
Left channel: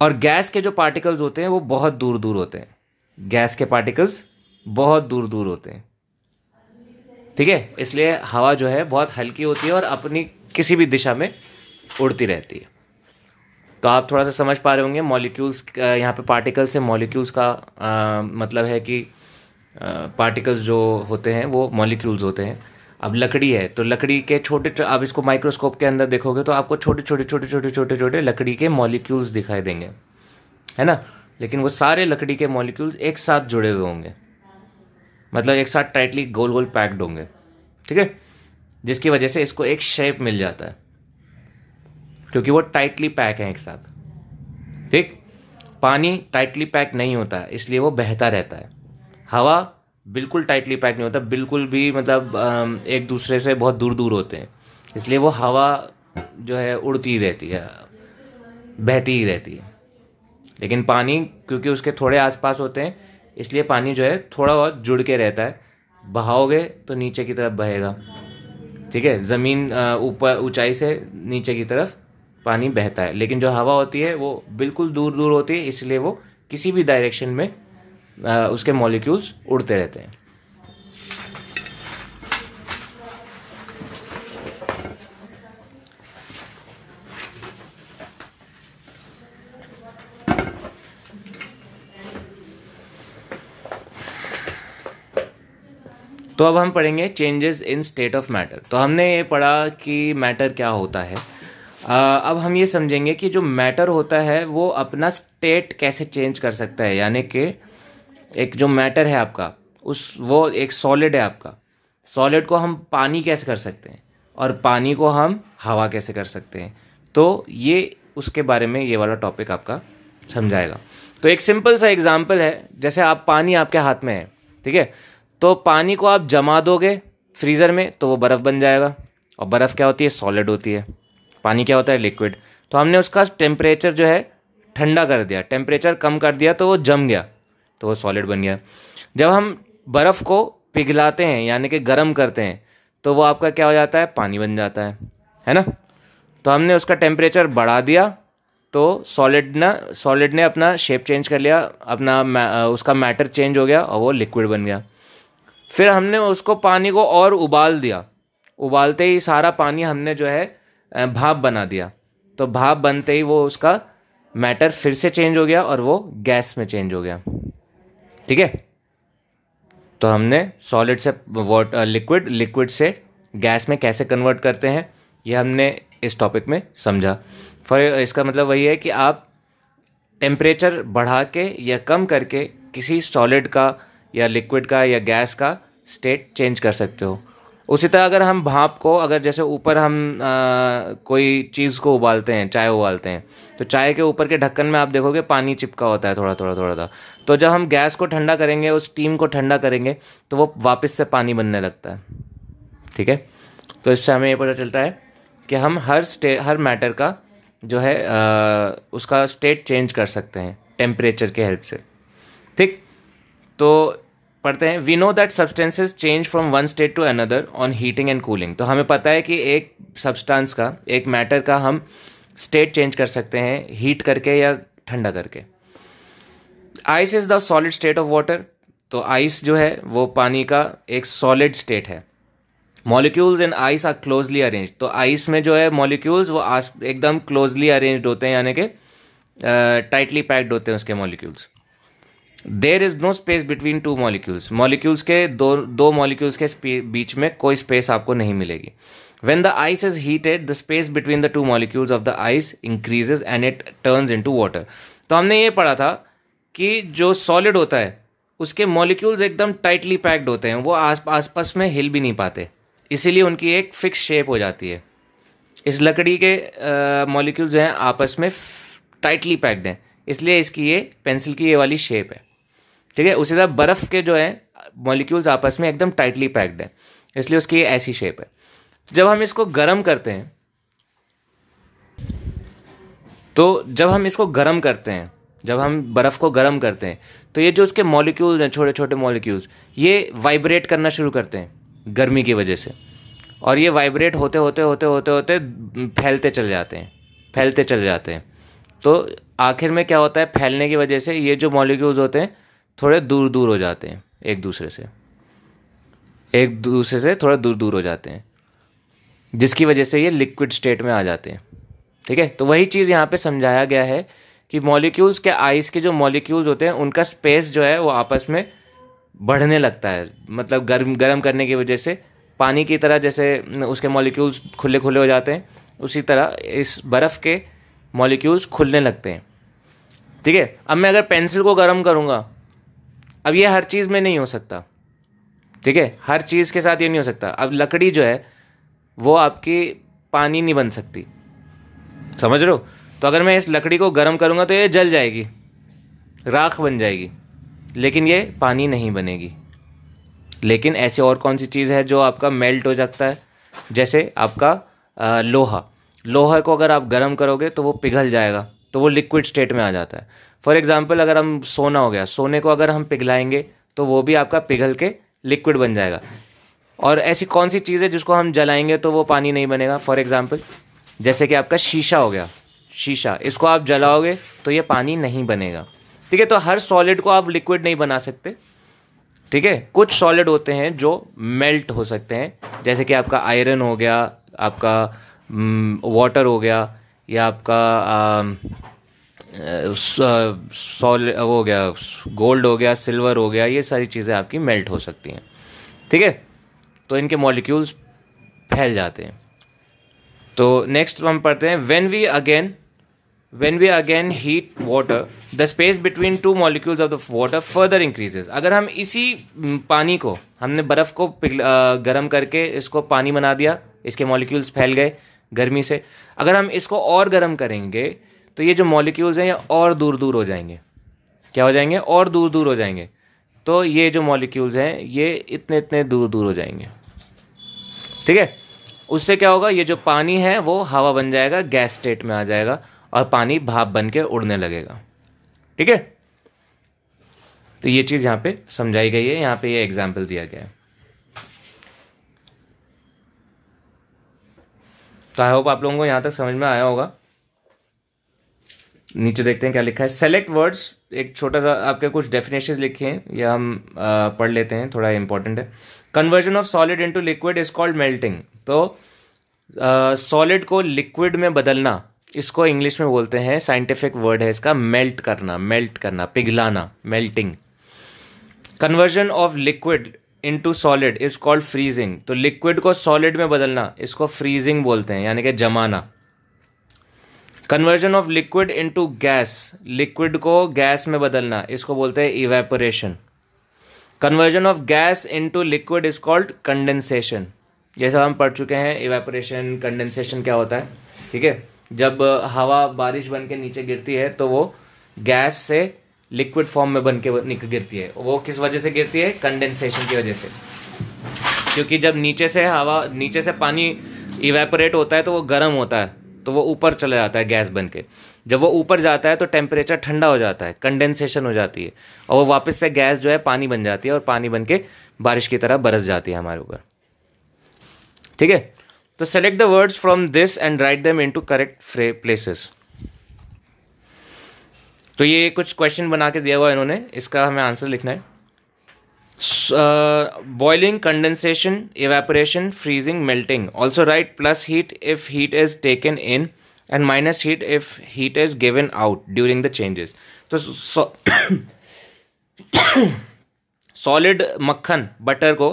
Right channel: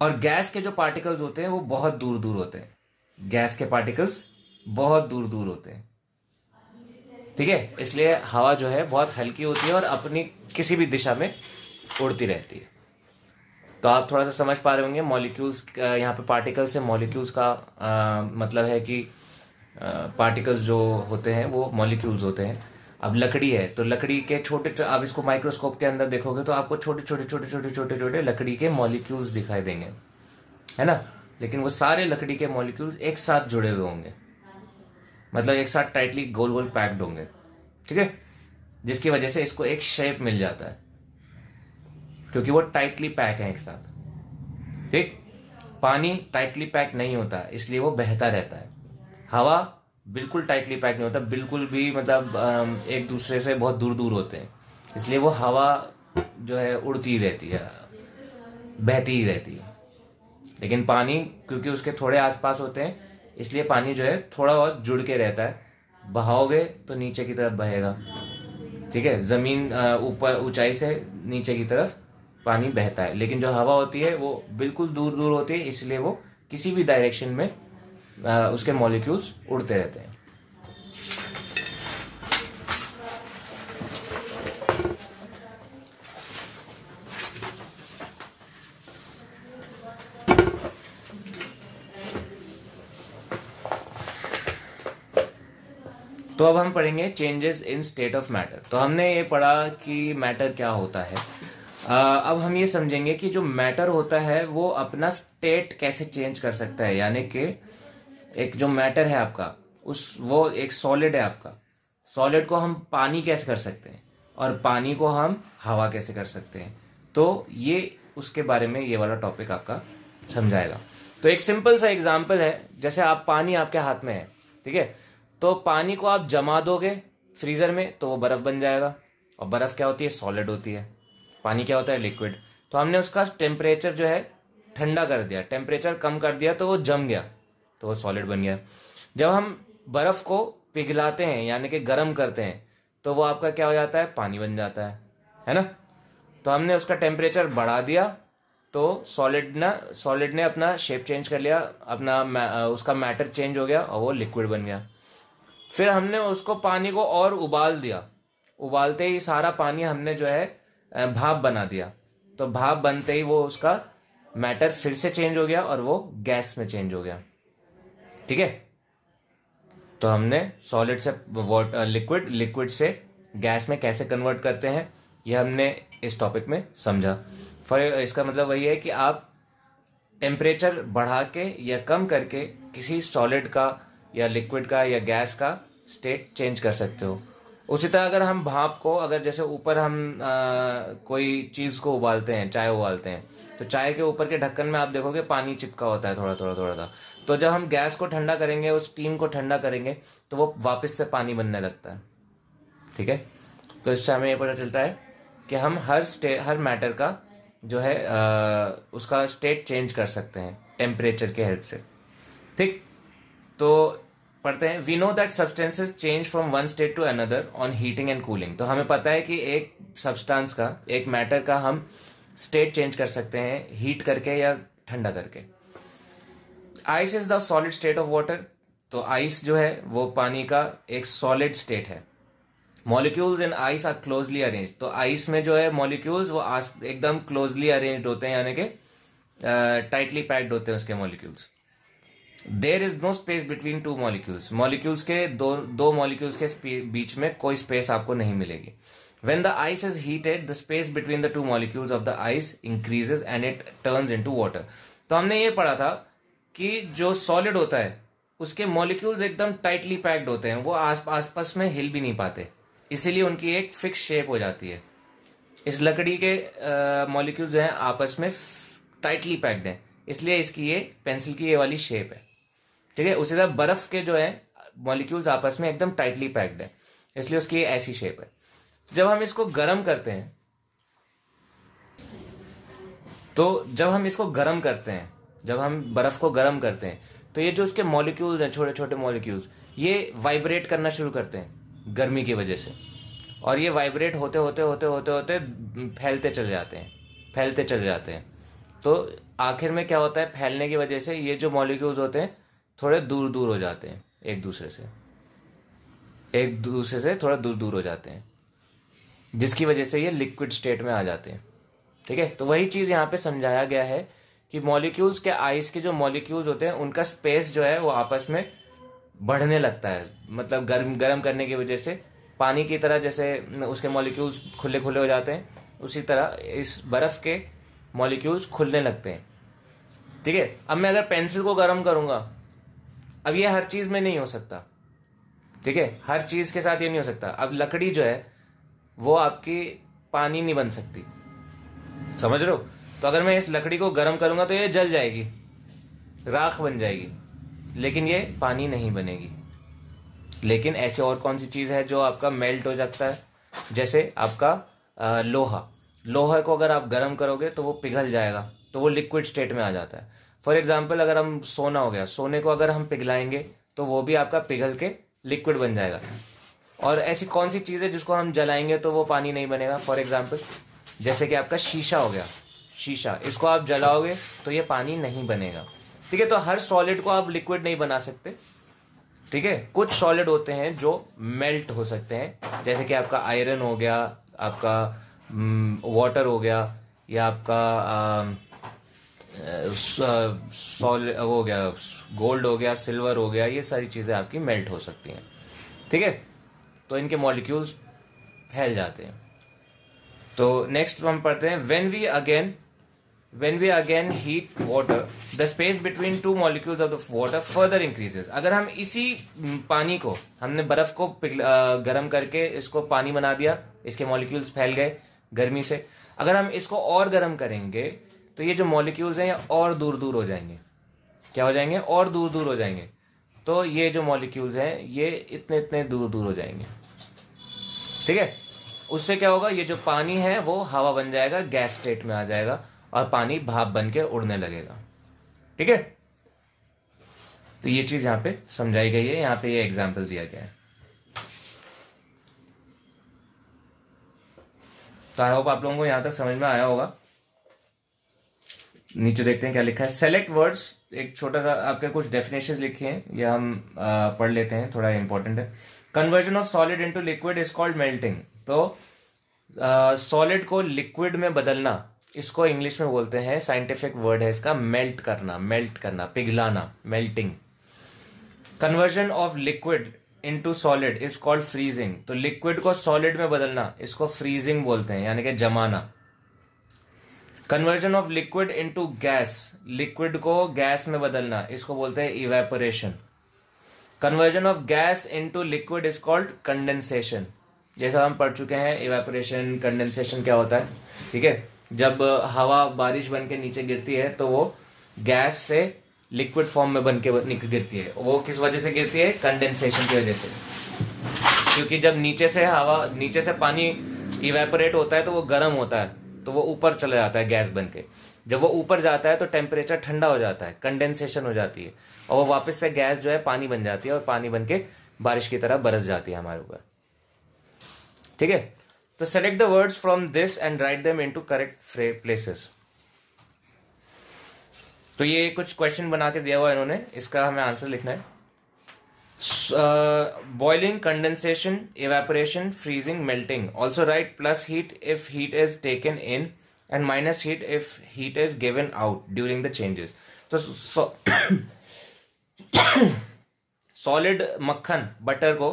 और गैस के जो पार्टिकल्स होते हैं वो बहुत दूर दूर होते हैं, गैस के पार्टिकल्स बहुत दूर दूर होते हैं। ठीक है, इसलिए हवा जो है बहुत हल्की होती है और अपनी किसी भी दिशा में उड़ती रहती है। तो आप थोड़ा सा समझ पा रहे होंगे मॉलिक्यूल्स, यहाँ पे पार्टिकल से मॉलिक्यूल्स का मतलब है कि पार्टिकल्स जो होते हैं वो मॉलिक्यूल्स होते हैं। अब लकड़ी है तो लकड़ी के छोटे, आप इसको माइक्रोस्कोप के अंदर देखोगे तो आपको छोटे छोटे छोटे छोटे छोटे छोटे लकड़ी के मॉलिक्यूल्स दिखाई देंगे, है ना। लेकिन वो सारे लकड़ी के मॉलिक्यूल्स एक साथ जुड़े हुए होंगे, मतलब एक साथ टाइटली गोल गोल पैक्ड होंगे। ठीक है, जिसकी वजह से इसको एक शेप मिल जाता है, क्योंकि वो टाइटली पैक है एक साथ। ठीक। पानी टाइटली पैक नहीं होता है, इसलिए वो बहता रहता है। हवा बिल्कुल टाइटली पैक नहीं होता, बिल्कुल भी, मतलब एक दूसरे से बहुत दूर दूर होते हैं, इसलिए वो हवा जो है उड़ती ही रहती है, बहती ही रहती है। लेकिन पानी क्योंकि उसके थोड़े आसपास होते हैं, इसलिए पानी जो है थोड़ा बहुत जुड़ के रहता है, बहाओगे तो नीचे की तरफ बहेगा। ठीक है, ज़मीन ऊपर ऊंचाई से नीचे की तरफ पानी बहता है, लेकिन जो हवा होती है वो बिल्कुल दूर दूर होती है, इसलिए वो किसी भी डायरेक्शन में उसके मॉलिक्यूल्स उड़ते रहते हैं। तो अब हम पढ़ेंगे changes in state of matter. तो हमने ये पढ़ा कि मैटर क्या होता है। अब हम ये समझेंगे कि जो मैटर होता है वो अपना स्टेट कैसे चेंज कर सकता है, यानी कि एक जो मैटर है आपका, वो एक सॉलिड है आपका, सॉलिड को हम पानी कैसे कर सकते हैं और पानी को हम हवा कैसे कर सकते हैं। तो ये उसके बारे में ये वाला टॉपिक आपका समझाएगा। तो एक सिंपल सा एग्जांपल है, जैसे आप पानी आपके हाथ में है, ठीक है, तो पानी को आप जमा दोगे फ्रीज़र में तो वो बर्फ़ बन जाएगा, और बर्फ़ क्या होती है, सॉलिड होती है। पानी क्या होता है, लिक्विड। तो हमने उसका टेम्परेचर जो है ठंडा कर दिया, टेम्परेचर कम कर दिया तो वो जम गया, तो वो सॉलिड बन गया। जब हम बर्फ़ को पिघलाते हैं यानी कि गर्म करते हैं तो वो आपका क्या हो जाता है, पानी बन जाता है ना। तो हमने उसका टेम्परेचर बढ़ा दिया तो सॉलिड ने अपना शेप चेंज कर लिया, अपना उसका मैटर चेंज हो गया और वो लिक्विड बन गया। फिर हमने उसको पानी को और उबाल दिया, उबालते ही सारा पानी हमने जो है भाप बना दिया, तो भाप बनते ही वो उसका मैटर फिर से चेंज हो गया और वो गैस में चेंज हो गया। ठीक है, तो हमने सॉलिड से लिक्विड से गैस में कैसे कन्वर्ट करते हैं ये हमने इस टॉपिक में समझा। इसका मतलब वही है कि आप टेम्परेचर बढ़ा के या कम करके किसी सॉलिड का या लिक्विड का या गैस का स्टेट चेंज कर सकते हो। उसी तरह अगर हम भाप को, अगर जैसे ऊपर हम कोई चीज़ को उबालते हैं, चाय उबालते हैं, तो चाय के ऊपर के ढक्कन में आप देखोगे पानी चिपका होता है थोड़ा थोड़ा थोड़ा सा। तो जब हम गैस को ठंडा करेंगे, उस स्टीम को ठंडा करेंगे, तो वो वापस से पानी बनने लगता है। ठीक है, तो इससे हमें ये पता चलता है कि हम हर मैटर का जो है उसका स्टेट चेंज कर सकते हैं टेम्परेचर के हेल्प से। ठीक, तो पढ़ते हैं, we know that substances change from one state to another on heating and cooling. तो हमें पता है कि एक सब्सटेंस का, एक मैटर का हम स्टेट चेंज कर सकते हैं हीट करके या ठंडा करके। Ice is the solid state of water. तो आइस जो है वो पानी का एक सॉलिड स्टेट है। Molecules in ice are closely arrange. तो आइस में जो है मॉलिक्यूल्स वो एकदम क्लोजली अरेंज्ड होते हैं, यानी कि टाइटली पैक्ड होते हैं उसके molecules. There is no space between two molecules. Molecules के दो मॉलिक्यूल्स के बीच में कोई स्पेस आपको नहीं मिलेगी। When the ice is heated, the space between the two molecules of the ice increases and it turns into water. तो हमने ये पढ़ा था कि जो सॉलिड होता है उसके मॉलिक्यूल्स एकदम टाइटली पैक्ड होते हैं, वो आसपास में हिल भी नहीं पाते, इसीलिए उनकी एक फिक्स शेप हो जाती है। इस लकड़ी के मॉलिक्यूल्स जो हैं आपस में टाइटली पैक्ड हैं, इसलिए इसकी ये पेंसिल की ये वाली शेप है। ठीक है, उसी तरह बर्फ़ के जो है मॉलिक्यूल्स आपस में एकदम टाइटली पैक्ड है, इसलिए उसकी ये ऐसी शेप है। जब हम इसको गर्म करते हैं, तो जब हम इसको गर्म करते हैं, जब हम बर्फ़ को गर्म करते हैं, तो ये जो उसके मॉलिक्यूल्स हैं, छोटे छोटे मॉलिक्यूल्स, ये वाइब्रेट करना शुरू करते हैं गर्मी की वजह से, और ये वाइब्रेट होते होते होते होते होते फैलते चले जाते हैं, फैलते चले जाते हैं। तो आखिर में क्या होता है, फैलने की वजह से ये जो मॉलिक्यूल्स होते हैं थोड़े दूर दूर हो जाते हैं एक दूसरे से, एक दूसरे से थोड़ा दूर दूर हो जाते हैं, जिसकी वजह से ये लिक्विड स्टेट में आ जाते हैं। ठीक है, तो वही चीज़ यहाँ पे समझाया गया है कि मॉलिक्यूल्स के, आइस के जो मॉलिक्यूल्स होते हैं उनका स्पेस जो है वो आपस में बढ़ने लगता है, मतलब गर्म करने की वजह से पानी की तरह जैसे उसके मॉलिक्यूल्स खुले खुले हो जाते हैं, उसी तरह इस बर्फ़ के मॉलिक्यूल्स खुलने लगते हैं। ठीक है, अब मैं अगर पेंसिल को गर्म करूँगा, अब ये हर चीज़ में नहीं हो सकता। ठीक है, हर चीज़ के साथ ये नहीं हो सकता। अब लकड़ी जो है वो आपकी पानी नहीं बन सकती, समझ रहे हो? तो अगर मैं इस लकड़ी को गर्म करूँगा तो ये जल जाएगी, राख बन जाएगी, लेकिन ये पानी नहीं बनेगी। लेकिन ऐसे और कौन सी चीज़ है जो आपका मेल्ट हो सकता है, जैसे आपका लोहा को अगर आप गर्म करोगे तो वो पिघल जाएगा, तो वो लिक्विड स्टेट में आ जाता है। फॉर एग्जांपल, अगर हम सोना हो गया, सोने को अगर हम पिघलाएंगे तो वो भी आपका पिघल के लिक्विड बन जाएगा। और ऐसी कौन सी चीज़ है जिसको हम जलाएंगे तो वो पानी नहीं बनेगा? फॉर एग्जांपल, जैसे कि आपका शीशा हो गया, शीशा, इसको आप जलाओगे तो ये पानी नहीं बनेगा। ठीक है, तो हर सॉलिड को आप लिक्विड नहीं बना सकते। ठीक है, कुछ सॉलिड होते हैं जो मेल्ट हो सकते हैं, जैसे कि आपका आयरन हो गया, आपका वाटर हो गया, या आपका सॉलिड हो गया, गोल्ड हो गया, सिल्वर हो गया, ये सारी चीज़ें आपकी मेल्ट हो सकती हैं। ठीक है, तो इनके मॉलिक्यूल्स फैल जाते हैं। तो नेक्स्ट हम पढ़ते हैं, when we again heat water, the space between two molecules of the water further increases. अगर हम इसी पानी को, हमने बर्फ़ को गर्म करके इसको पानी बना दिया, इसके मॉलिक्यूल्स फैल गए गर्मी से, अगर हम इसको और गर्म करेंगे तो ये जो मॉलिक्यूल्स हैं ये और दूर दूर हो जाएंगे। क्या हो जाएंगे? और दूर दूर हो जाएंगे। तो ये जो मॉलिक्यूल्स हैं ये इतने इतने दूर दूर हो जाएंगे। ठीक है, उससे क्या होगा, ये जो पानी है वो हवा बन जाएगा, गैस स्टेट में आ जाएगा, और पानी भाप बन के उड़ने लगेगा। ठीक है, तो ये चीज़ यहाँ पे समझाई गई है, यहाँ पे ये एग्जाम्पल दिया गया है। तो आई होप आप लोगों को यहाँ तक समझ में आया होगा। नीचे देखते हैं क्या लिखा है। सेलेक्ट वर्ड्स, एक छोटा सा आपके कुछ डेफिनेशंस लिखे हैं, या हम पढ़ लेते हैं, थोड़ा इंपॉर्टेंट है। Conversion of solid into liquid is called melting. तो सॉलिड को लिक्विड में बदलना, इसको इंग्लिश में बोलते हैं, साइंटिफिक वर्ड है इसका, मेल्ट करना, पिघलाना, melting. Conversion of liquid into solid is called freezing. तो लिक्विड को सॉलिड में बदलना, इसको फ्रीजिंग बोलते हैं, यानी कि जमाना। Conversion of liquid into gas, liquid को गैस में बदलना, इसको बोलते हैं evaporation. Conversion of gas into liquid is called condensation. जैसा हम पढ़ चुके हैं, इवेपोरेशन, कंडेंसेशन क्या होता है। ठीक है, जब हवा बारिश बन के नीचे गिरती है तो वो गैस से लिक्विड फॉर्म में बन के गिरती है। वो किस वजह से गिरती है? कंडेंसेशन की वजह से। क्योंकि जब नीचे से पानी इवेपोरेट होता है तो वो गर्म होता है, तो वो ऊपर चला जाता है गैस बन के। जब वो ऊपर जाता है तो टेम्परेचर ठंडा हो जाता है, कंडेंसेशन हो जाती है, और वो वापस से गैस जो है पानी बन जाती है, और पानी बन के बारिश की तरह बरस जाती है हमारे ऊपर। ठीक है, तो select the words from this and write them into correct places. तो ये कुछ क्वेश्चन बना के दिया हुआ है इन्होंने, इसका हमें आंसर लिखना है। Boiling, condensation, evaporation, freezing, melting. Also right plus heat if heat is taken in and minus heat if heat is given out during the changes. तो सॉलिड मक्खन, बटर को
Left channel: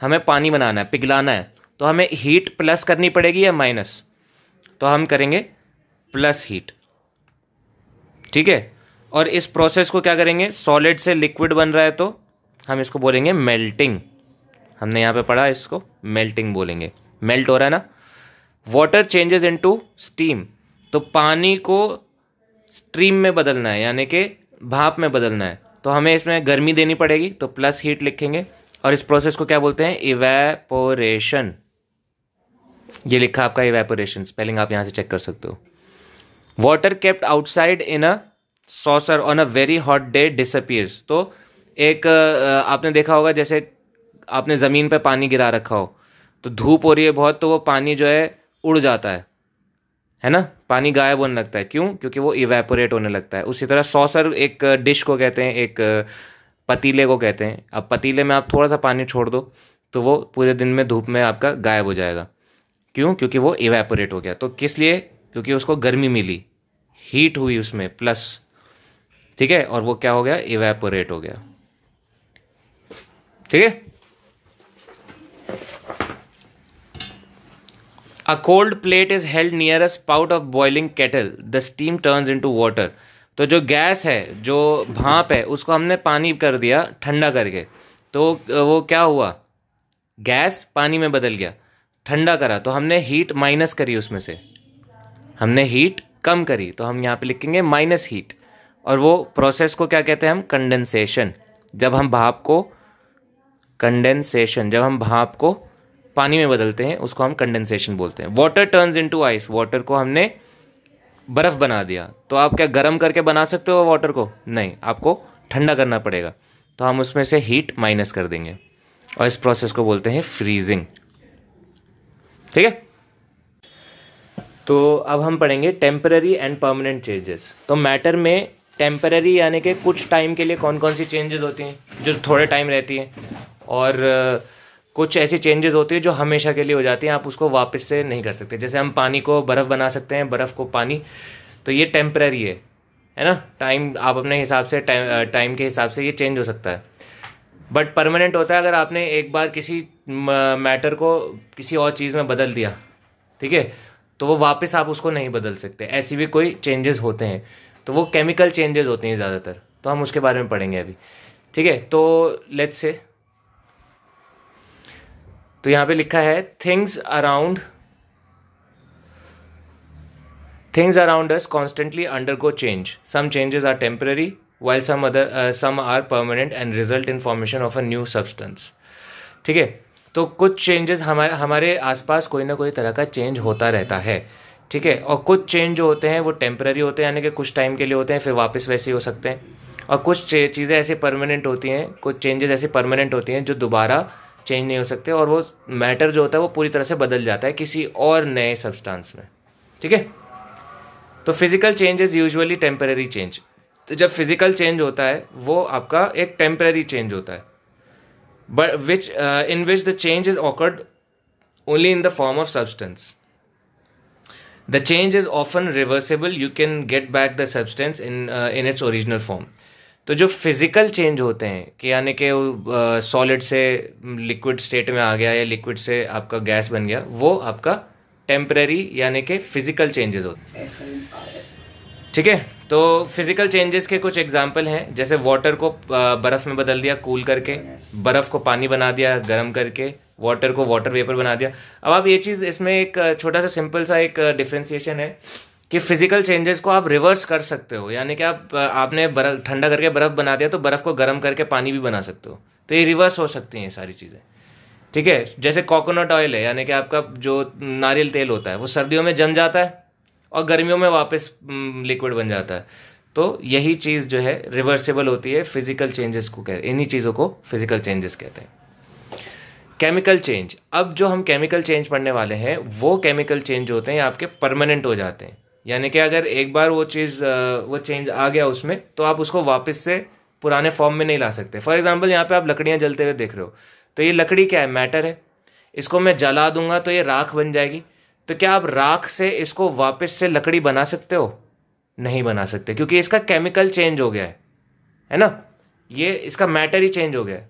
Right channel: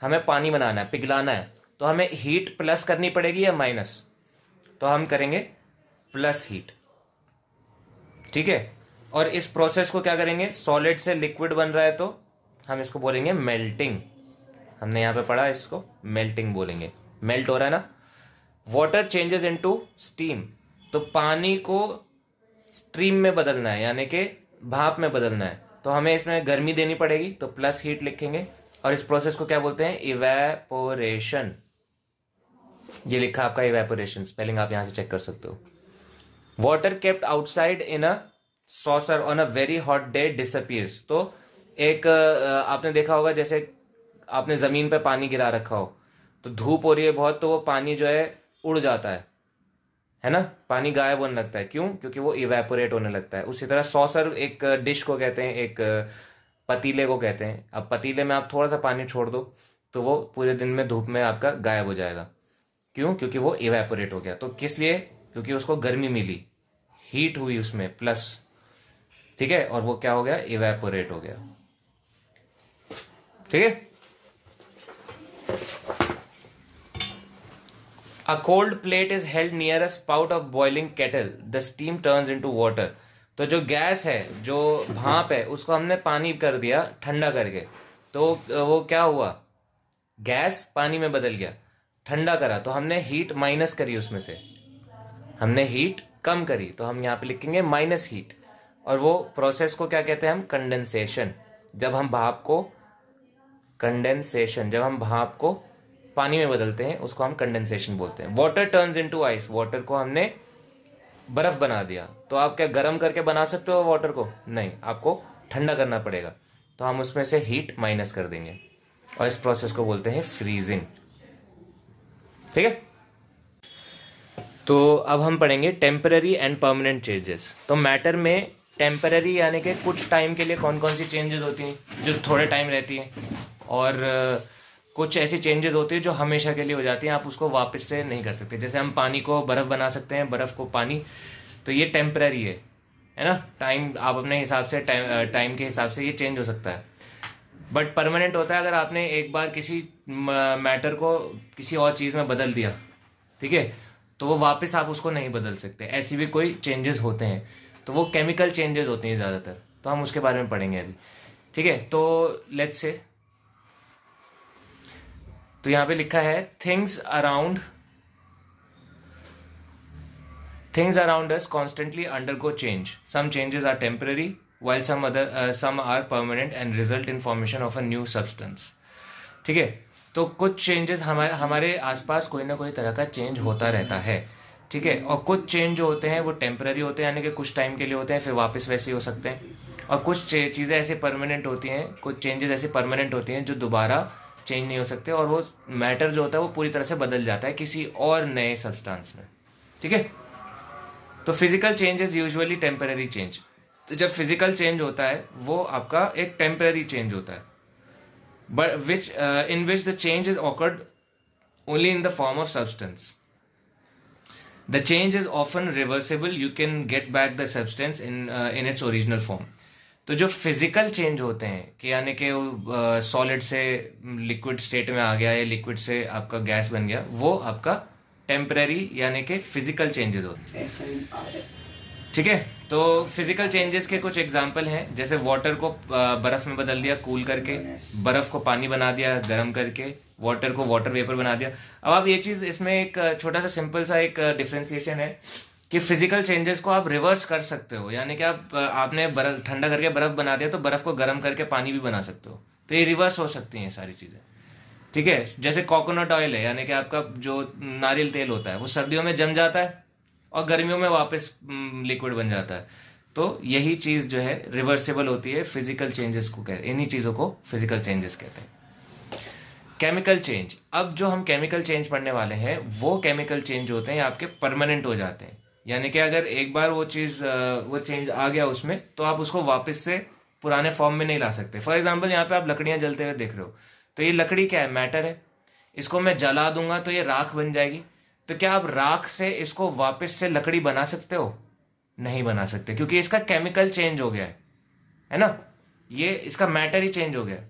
हमें पानी बनाना है, पिघलाना है, तो हमें हीट प्लस करनी पड़ेगी या माइनस? तो हम करेंगे प्लस हीट, ठीक है। और इस प्रोसेस को क्या करेंगे, सॉलिड से लिक्विड बन रहा है तो हम इसको बोलेंगे मेल्टिंग। हमने यहाँ पे पढ़ा, इसको मेल्टिंग बोलेंगे, मेल्ट हो रहा है ना। वाटर चेंजेस इनटू स्टीम, तो पानी को स्ट्रीम में बदलना है, यानी कि भाप में बदलना है, तो हमें इसमें गर्मी देनी पड़ेगी, तो प्लस हीट लिखेंगे। और इस प्रोसेस को क्या बोलते हैं, इवेपोरेशन। ये लिखा आपका इवेपोरेशन, स्पेलिंग आप यहां से चेक कर सकते हो। Water kept outside in a saucer on a very hot day disappears, तो एक आपने देखा होगा, जैसे आपने ज़मीन पे पानी गिरा रखा हो, तो धूप हो रही है बहुत, तो वो पानी जो है उड़ जाता है ना, पानी गायब होने लगता है। क्यों? क्योंकि वो इवेपोरेट होने लगता है। उसी तरह सॉसर एक डिश को कहते हैं, एक पतीले को कहते हैं। अब पतीले में आप थोड़ा सा पानी छोड़ दो तो वो पूरे दिन में धूप में आपका गायब हो जाएगा। क्यों? क्योंकि वो इवेपोरेट हो गया। तो किस लिए? क्योंकि उसको गर्मी मिली, हीट हुई उसमें प्लस, ठीक है, और वो क्या हो गया, इवेपोरेट हो गया, ठीक है। A cold plate is held near a spout of boiling kettle. The steam turns into water. तो जो गैस है, जो भाप है, उसको हमने पानी कर दिया ठंडा करके, तो वो क्या हुआ, गैस पानी में बदल गया। ठंडा करा तो हमने हीट माइनस करी, उसमें से हमने हीट कम करी, तो हम यहाँ पे लिखेंगे माइनस हीट। और वो प्रोसेस को क्या कहते हैं हम, कंडेंसेशन। जब हम भाप को, कंडेंसेशन, जब हम भाप को पानी में बदलते हैं उसको हम कंडेंसेशन बोलते हैं। Water turns into ice, water को हमने बर्फ बना दिया। तो आप क्या गर्म करके बना सकते हो वाटर को? नहीं, आपको ठंडा करना पड़ेगा, तो हम उसमें से हीट माइनस कर देंगे, और इस प्रोसेस को बोलते हैं फ्रीजिंग, ठीक है। तो अब हम पढ़ेंगे टेम्पररी एंड परमानेंट चेंजेस। तो मैटर में टेम्पररी यानी कि कुछ टाइम के लिए कौन कौन सी चेंजेस होती हैं जो थोड़े टाइम रहती हैं, और कुछ ऐसी चेंजेस होती है जो हमेशा के लिए हो जाती हैं, आप उसको वापस से नहीं कर सकते। जैसे हम पानी को बर्फ़ बना सकते हैं, बर्फ़ को पानी, तो ये टेम्पररी है ना। टाइम आप अपने हिसाब से, टाइम के हिसाब से ये चेंज हो सकता है। बट परमानेंट होता है अगर आपने एक बार किसी मैटर को किसी और चीज़ में बदल दिया, ठीक है, तो वो वापस आप उसको नहीं बदल सकते। ऐसी भी कोई चेंजेस होते हैं, तो वो केमिकल चेंजेस होते हैं ज़्यादातर, तो हम उसके बारे में पढ़ेंगे अभी, ठीक है। तो लेट्स से, तो यहाँ पे लिखा है things around us constantly undergo change, some changes are temporary while some are permanent and result in formation of a new substance, ठीक है। तो कुछ चेंजेस हमारे आसपास कोई ना कोई तरह का चेंज होता रहता है, ठीक है। और कुछ चेंज जो होते हैं वो टेम्पररी होते हैं, यानी कि कुछ टाइम के लिए होते हैं, फिर वापस वैसे ही हो सकते हैं। और कुछ चीज़ें ऐसे परमानेंट होती हैं, कुछ चेंजेस ऐसे परमानेंट होती हैं जो दोबारा चेंज नहीं हो सकते, और वो मैटर जो होता है वो पूरी तरह से बदल जाता है किसी और नए सब्सटेंस में, ठीक है। तो physical change is usually temporary change. तो जब फिजिकल चेंज होता है वो आपका एक टेम्पररी चेंज होता है, but in which the change is occurred only in the form of substance. The change is often reversible. You can get back the substance in its original form. तो जो फिजिकल चेंज होते हैं कि यानी कि सॉलिड से लिक्विड स्टेट में आ गया या लिक्विड से आपका गैस बन गया, वो आपका टेम्पररी यानी कि फिजिकल चेंजेस होते हैं, ठीक है। तो फिजिकल चेंजेस के कुछ एग्जांपल हैं, जैसे वाटर को बर्फ़ में बदल दिया कूल करके, बर्फ़ को पानी बना दिया गर्म करके, वाटर को वाटर वेपर बना दिया। अब आप ये चीज़, इसमें एक छोटा सा सिंपल सा एक डिफ्रेंसिएशन है कि फिजिकल चेंजेस को आप रिवर्स कर सकते हो, यानी कि आपने बर्फ़ ठंडा करके बर्फ़ बना दिया तो बर्फ़ को गर्म करके पानी भी बना सकते हो, तो ये रिवर्स हो सकती हैं ये सारी चीज़ें, ठीक है। जैसे कोकोनट ऑयल है, यानी कि आपका जो नारियल तेल होता है वो सर्दियों में जम जाता है और गर्मियों में वापस लिक्विड बन जाता है। तो यही चीज़ जो है रिवर्सिबल होती है, फिजिकल चेंजेस को कहते हैं, इन्हीं चीज़ों को फिजिकल चेंजेस कहते हैं। केमिकल चेंज, अब जो हम केमिकल चेंज पढ़ने वाले हैं वो केमिकल चेंज होते हैं आपके परमानेंट हो जाते हैं, यानी कि अगर एक बार वो चेंज आ गया उसमें, तो आप उसको वापस से पुराने फॉर्म में नहीं ला सकते। फॉर एग्जाम्पल यहाँ पे आप लकड़ियाँ जलते हुए देख रहे हो, तो ये लकड़ी क्या है, मैटर है, इसको मैं जला दूंगा तो ये राख बन जाएगी। तो क्या आप राख से इसको वापस से लकड़ी बना सकते हो? नहीं बना सकते, क्योंकि इसका केमिकल चेंज हो गया है ना, ये इसका मैटर ही चेंज हो गया है।